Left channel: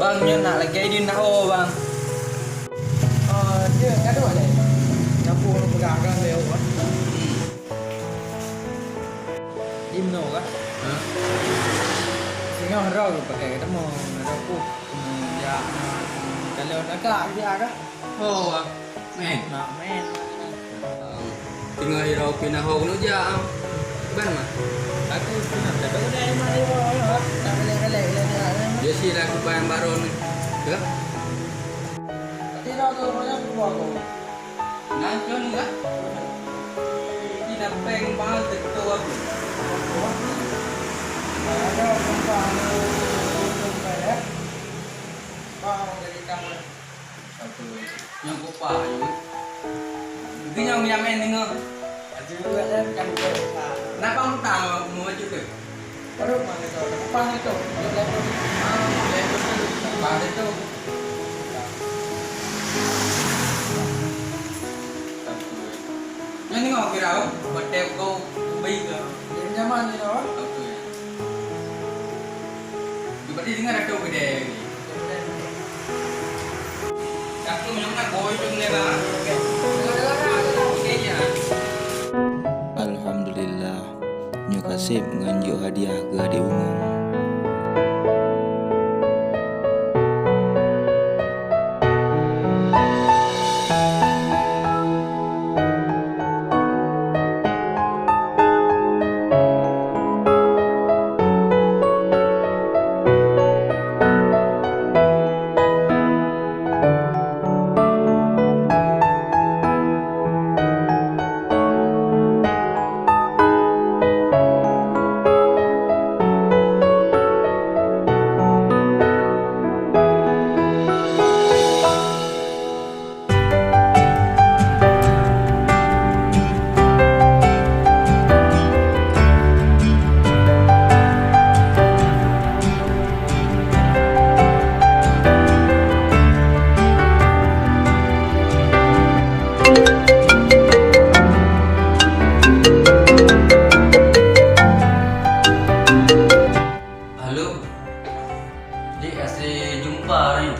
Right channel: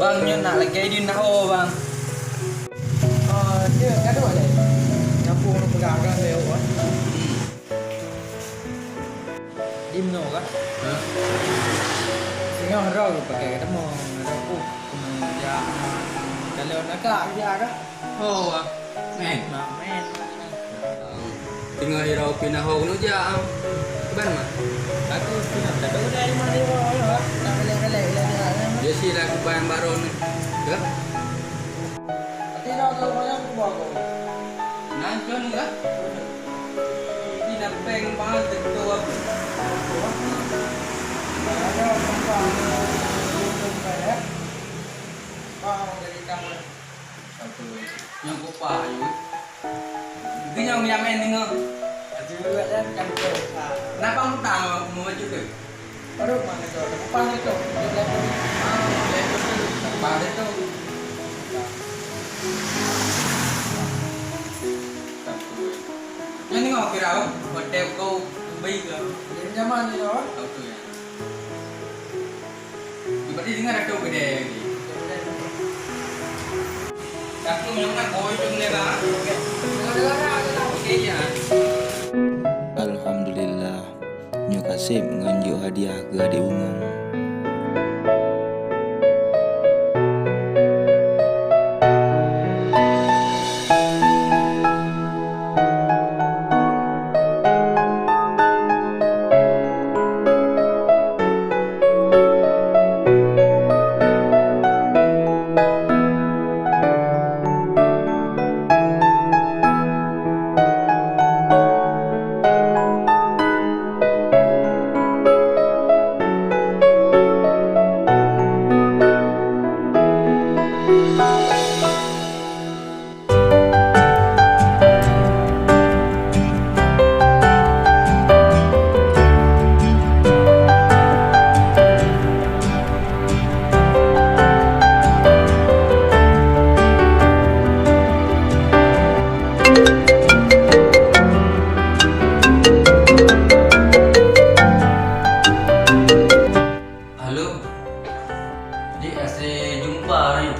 Bang, nyo nak lagi di nak bang. Dia kan ada le. Nyampung lu pegang leo kan. Dim no kan. Singa haro lu pakai ketemu haro ku. Ya kalau nak ya kan. Oh, men. Nak men. Tinggal hirau pindah ho nu ja. Ban mah. Aku pindah dah dari mana dia orang. Tak kelek-kelek dia. Dia si lah kubang baru ni. Ke? Tidak tahu banyak buat kau. Nancon ke? Tidak peng bahal tentu apa. Ada tempat untuk saya. Bang dari kamu. Satu. Yang kupa ayu. Itu yang main dengar. Ada juga kan kita. Kenapa kamu tahu mau maju ke? Baru mana tu? Apa itu? Lepas Apa itu? Yang ni ngau kirau, hotel kau Dubai ke? dia nyaman ni loh. Satu ya. Berarti dengar ada gede ni. Aku memang boy tu ni bang. Okey ya. Alhamdulillah, nyo kasih menganjuk hadiah ke adik umum. Halo. Dik asyik jumpa hari ni.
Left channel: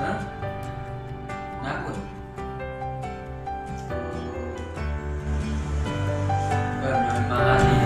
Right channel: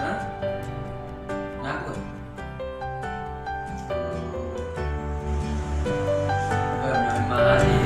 Hah? Nakut? Memang hari